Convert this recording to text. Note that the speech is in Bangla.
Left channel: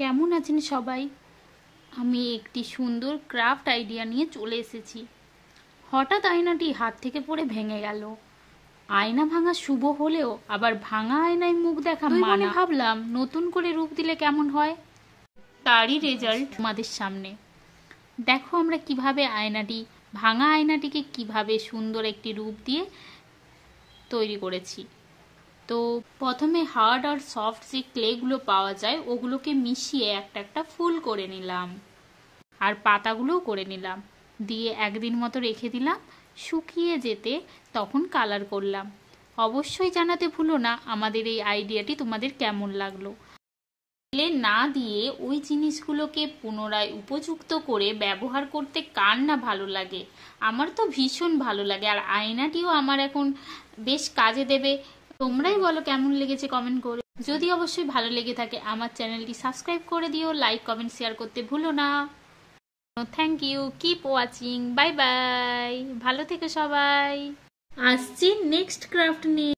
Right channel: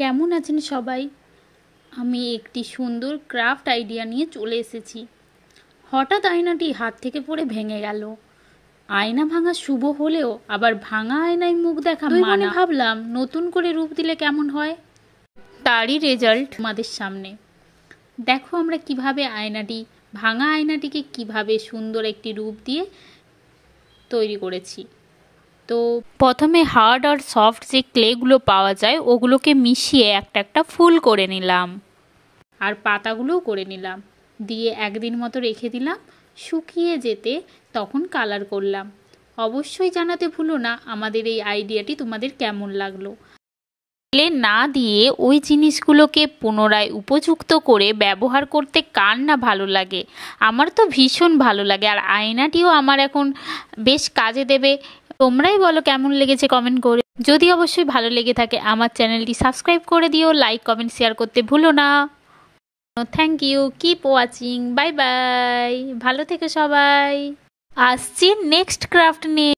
কেমন আছেন সবাই? আমি একটি সুন্দর ক্রাফট আইডিয়া নিয়ে চলে এসেছি। হঠাৎ আয়নাটি হাত থেকে পড়ে ভেঙে গেল। আয়না ভাঙা শুভ হলেও আবার ভাঙা আয়নায় মুখ দেখা মানা। ভাবলাম নতুন করে রূপ দিলে কেমন হয়, তারই রেজাল্ট আমাদের সামনে। দেখো আমরা কিভাবে ভাঙা আয়নাটিকে কিভাবে সুন্দর একটি রূপ দিয়ে তৈরি করেছি। তো প্রথমে হার্ড আর সফট যে ক্লেগুলো পাওয়া যায় ওগুলোকে মিশিয়ে একটা ফুল করে নিলাম, আর পাতাগুলোও করে নিলাম, দিয়ে একদিন মতো রেখে দিলাম। শুকিয়ে যেতে তখন কালার করলাম। অবশ্যই জানাতে ভুলো না আমাদের এই আইডিয়াটি তোমাদের কেমন লাগলো। ক্লে না দিয়ে ওই জিনিসগুলোকে পুনরায় উপযুক্ত করে ব্যবহার করতে কার না ভালো লাগে? আমার তো ভীষণ ভালো লাগে, আর আয়নাটিও আমার এখন বেশ কাজে দেবে। তোমরাই বলো কেমন লেগেছে কমেন্ট করে। যদি অবশ্যই ভালো লেগে থাকে আমার চ্যানেলটি সাবস্ক্রাইব করে দিও, লাইক কমেন্ট শেয়ার করতে ভুলো না। Thank you, keep watching, bye bye, ভালো থেকো সবাই। আসছি নেক্সট ক্রাফট নিয়ে।